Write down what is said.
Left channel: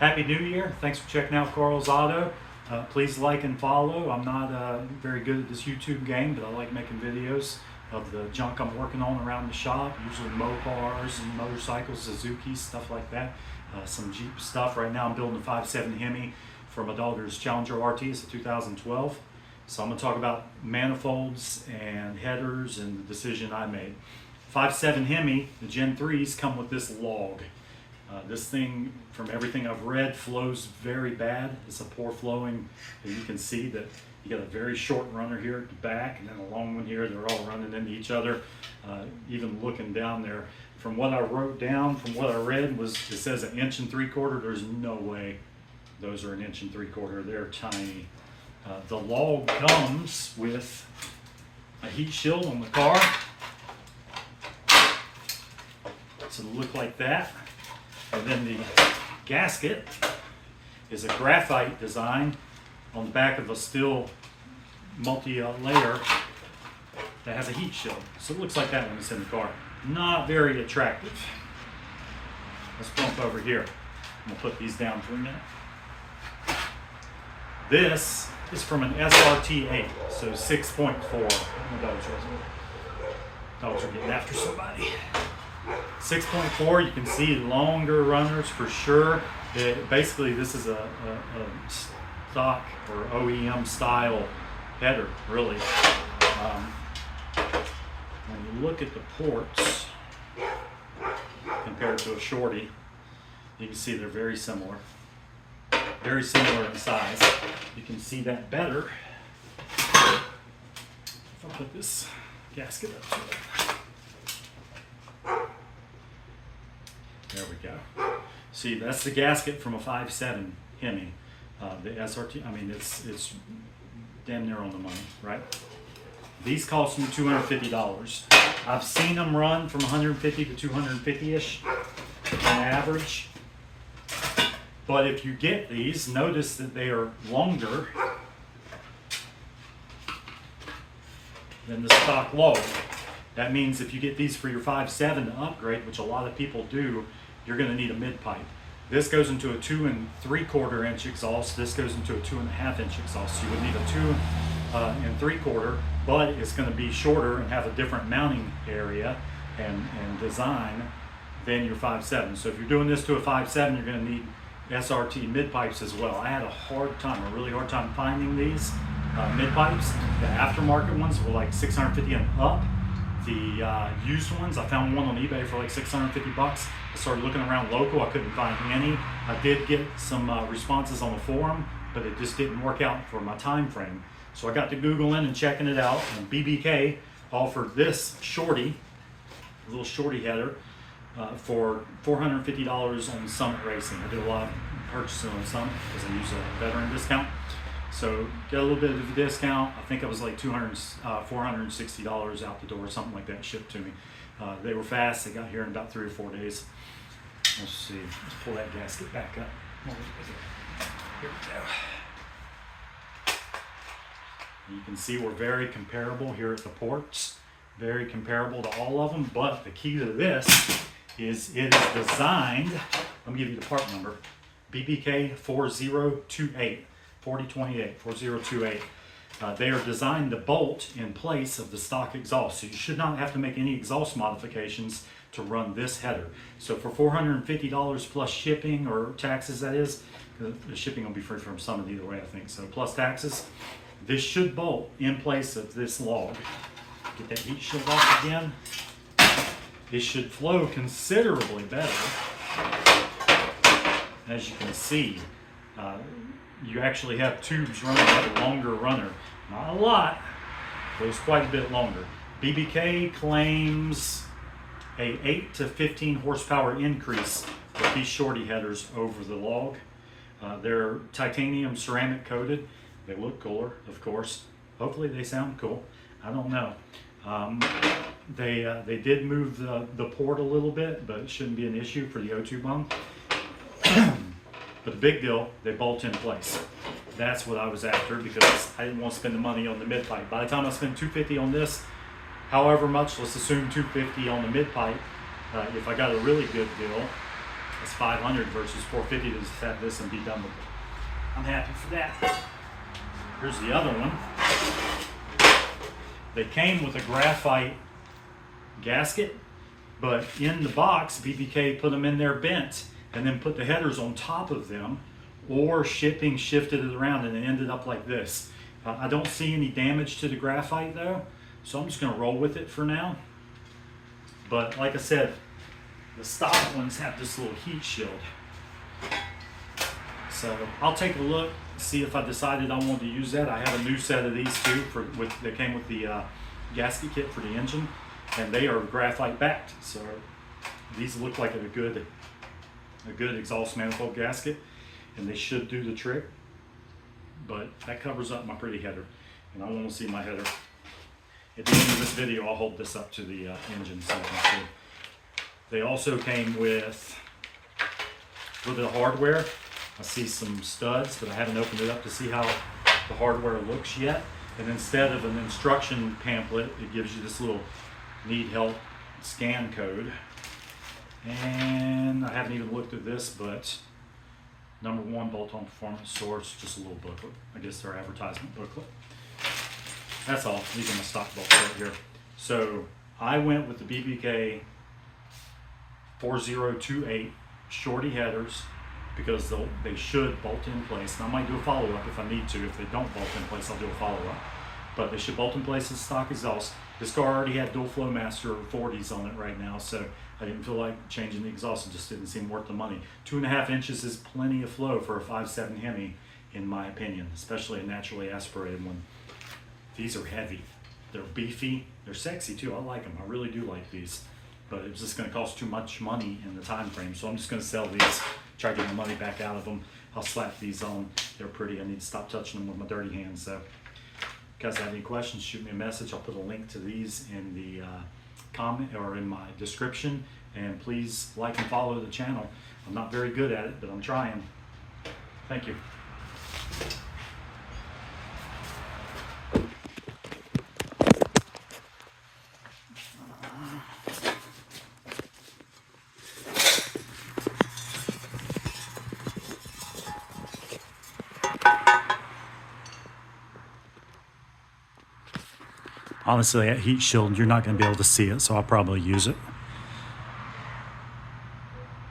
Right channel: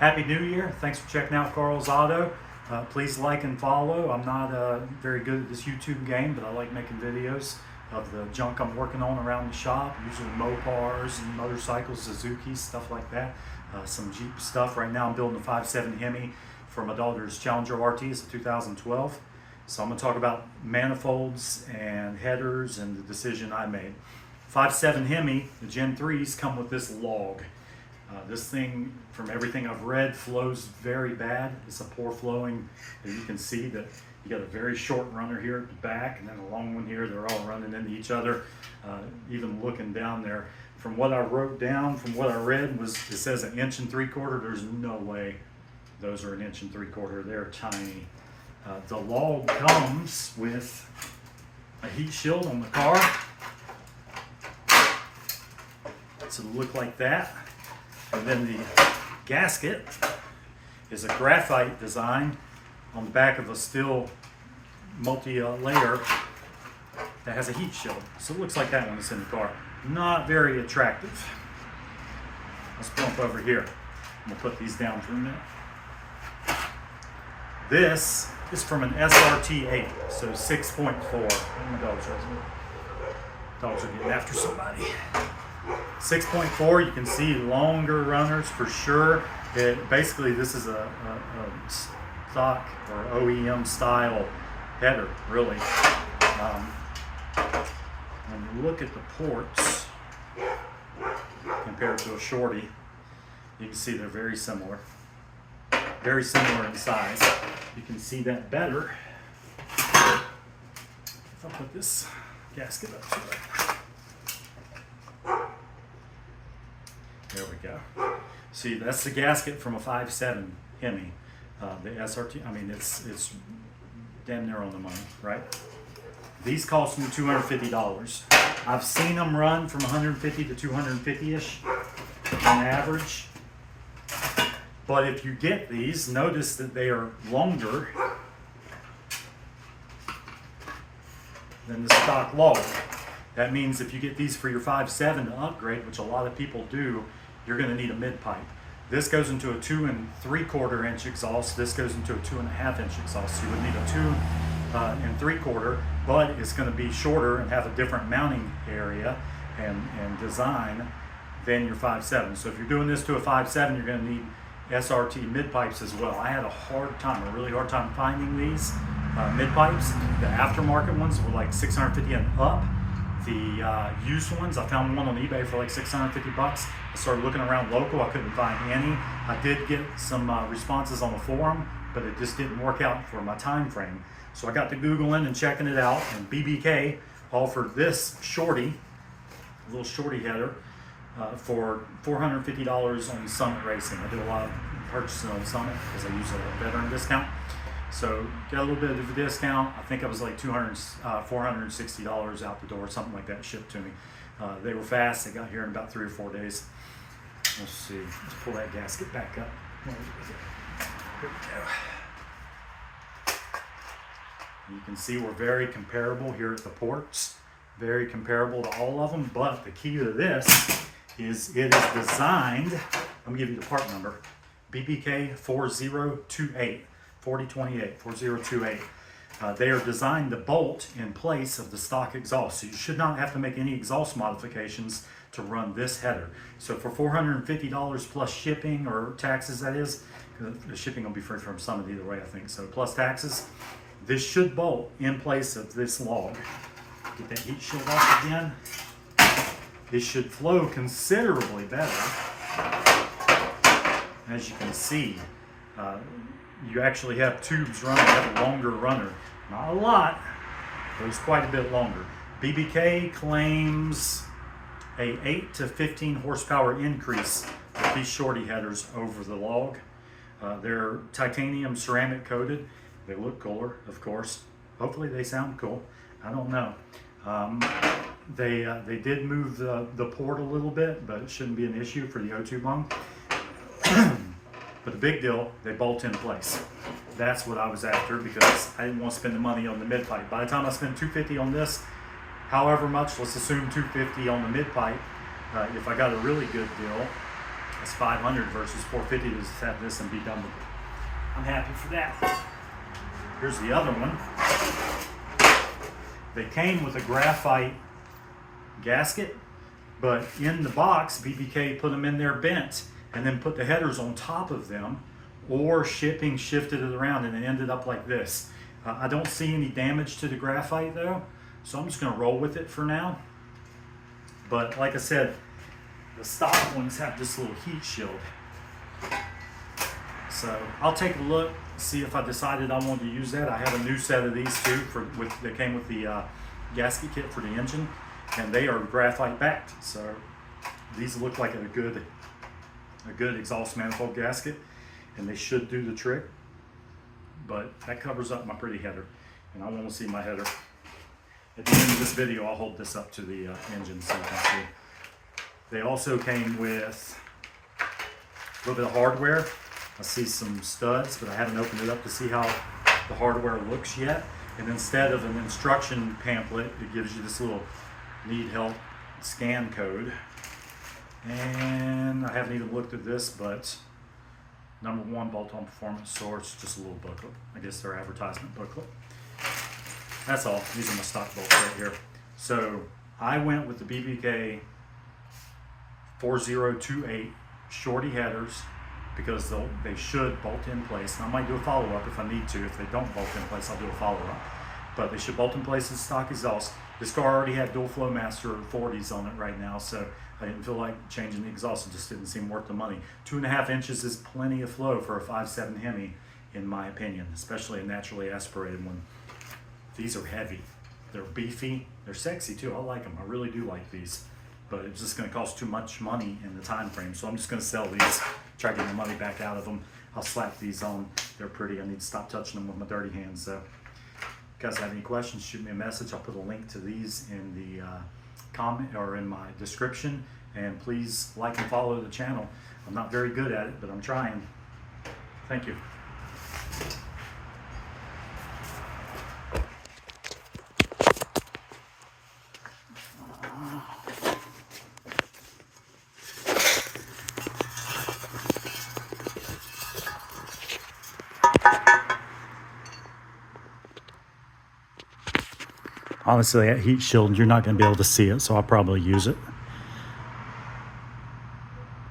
Happy New Year. Thanks for checking out Carl's Auto. Please like and follow. I'm not very good at this YouTube game, but I like making videos of the junk I'm working on around the shop, usually Mopars and motorcycles, Suzuki, stuff like that. Some Jeep stuff. Right now I'm building a 5.7 Hemi for my daughter's Challenger RT. It's a 2012. So I'm going to talk about manifolds and headers and the decision I made. 5.7 Hemi, the Gen 3s come with this log. This thing, from everything I've read, flows very bad. It's a poor flowing. You can see that you got a very short runner here at the back and then a long one here. They're all running into each other. Even looking down there, from what I wrote down, from what I read, was it says 1 3/4 inches. There's no way those are 1 3/4 inches. They're tiny. The log comes with a heat shield on the car. So it'll look like that. And then the gasket is a graphite design on the back of a steel multi-layer that has a heat shield. So it looks like that when it's in the car. Not very attractive. Let's bump over here. I'm going to put these down for a minute. This is from an SRT 8, so 6.4. Dogs are getting after somebody. 6.4, you can see longer runners for sure. Basically, this is a stock or OEM style header, really. When you look at the ports compared to a Shorty, you can see they're very similar. Very similar in size. You can see that better if I put this gasket up to it. There we go. See, that's the gasket from a 5.7 Hemi. The SRT, I mean, it's damn near on the money, right? These cost me $250. I've seen them run from 150 to 250-ish on average. But if you get these, notice that they are longer than the stock log. That means if you get these for your 5.7 to upgrade, which a lot of people do, you're going to need a mid-pipe. This goes into a 2 3/4 inch exhaust. This goes into a 2.5 inch exhaust. So you would need a 2 3/4, but it's going to be shorter and have a different mounting area and design than your 5.7. So if you're doing this to a 5.7, you're going to need SRT mid-pipes as well. I had a really hard time finding these mid-pipes. The aftermarket ones were like $650 and up. The used ones, I found one on eBay for like $650. I started looking around local, I couldn't find any. I did get some responses on the forum, but it just didn't work out for my time frame. So I got to Googling and checking it out, and BBK offered this Shorty, a little Shorty header, for $450 on Summit Racing. I did a lot of purchasing on Summit because I use a veteran discount. So get a little bit of a discount. I think it was like $460 out the door, something like that, shipped to me. They were fast. They got here in about 3 or 4 days. Let's see. Let's pull that gasket back up. Here we go. You can see we're very comparable here at the ports. Very comparable to all of them. But the key to this is it is designed. Let me give you the part number. BBK 4028. 4028. They are designed to bolt in place of the stock exhaust. So you should not have to make any exhaust modifications to run this header. So for $450 plus shipping or taxes, that is, the shipping will be free from Summit either way, I think. So plus taxes, this should bolt in place of this log. Get that heat shield off again. It should flow considerably better. As you can see, you actually have tubes running, have a longer runner. Not a lot, but it's quite a bit longer. BBK claims a 8 to 15 horsepower increase with these Shorty headers over the log. They're titanium ceramic coated. They look cooler, of course. Hopefully they sound cool. I don't know. They did move the port a little bit, but it shouldn't be an issue for the O2 bung. But the big deal, they bolt in place. That's what I was after because I didn't want to spend the money on the mid-pipe. By the time I spend $250 on this, however much, let's assume $250 on the mid-pipe. If I got a really good deal, That's 500 versus 450 to just have this and be done with it. I'm happy for that. Here's the other one. They came with a graphite gasket, but in the box, BBK put them in there bent and then put the headers on top of them, or shipping shifted it around and it ended up like this. I don't see any damage to the graphite though, so I'm just gonna roll with it for now. But like I said, the stock ones have this little heat shield. So I'll take a look, see if I decided I wanted to use that. I have a new set of these too that came with the gasket kit for the engine, and they are graphite backed. So these look like a good exhaust manifold gasket, and they should do the trick. But that covers up my pretty header, and I want to see my header. At the end of this video, I'll hold this up to the engine so you can see. They also came with a little bit of hardware. I see some studs, but I haven't opened it up to see how the hardware looks yet. And instead of an instruction pamphlet, it gives you this little need help scan code. And I haven't even looked at this, but #1 bolt-on performance source, just a little booklet. I guess their advertisement booklet. That's all. These are my stock bolts right here. So I went with the BBK 4028 Shorty Headers because they should bolt in place. And I might do a follow-up if I need to. If they don't bolt in place, I'll do a follow-up. But they should bolt in place as stock exhaust. This car already had dual flow master 40s on it right now, so I didn't feel like changing the exhaust. It just didn't seem worth the money. 2.5 inches is plenty of flow for a 5.7 Hemi, in my opinion, especially a naturally aspirated one. These are heavy. They're beefy. They're sexy too. I like them. I really do like these. But it's just going to cost too much money in the time frame, so I'm just going to sell these, try to get my money back out of them. I'll slap these on. They're pretty. I need to stop touching them with my dirty hands. So, if you guys have any questions, shoot me a message. I'll put a link to these in the comment or in my description. And please like and follow the channel. I'm not very good at it, but I'm trying. Thank you. Honestly, that heat shield, you're not going to be able to see it, so I'll probably use it.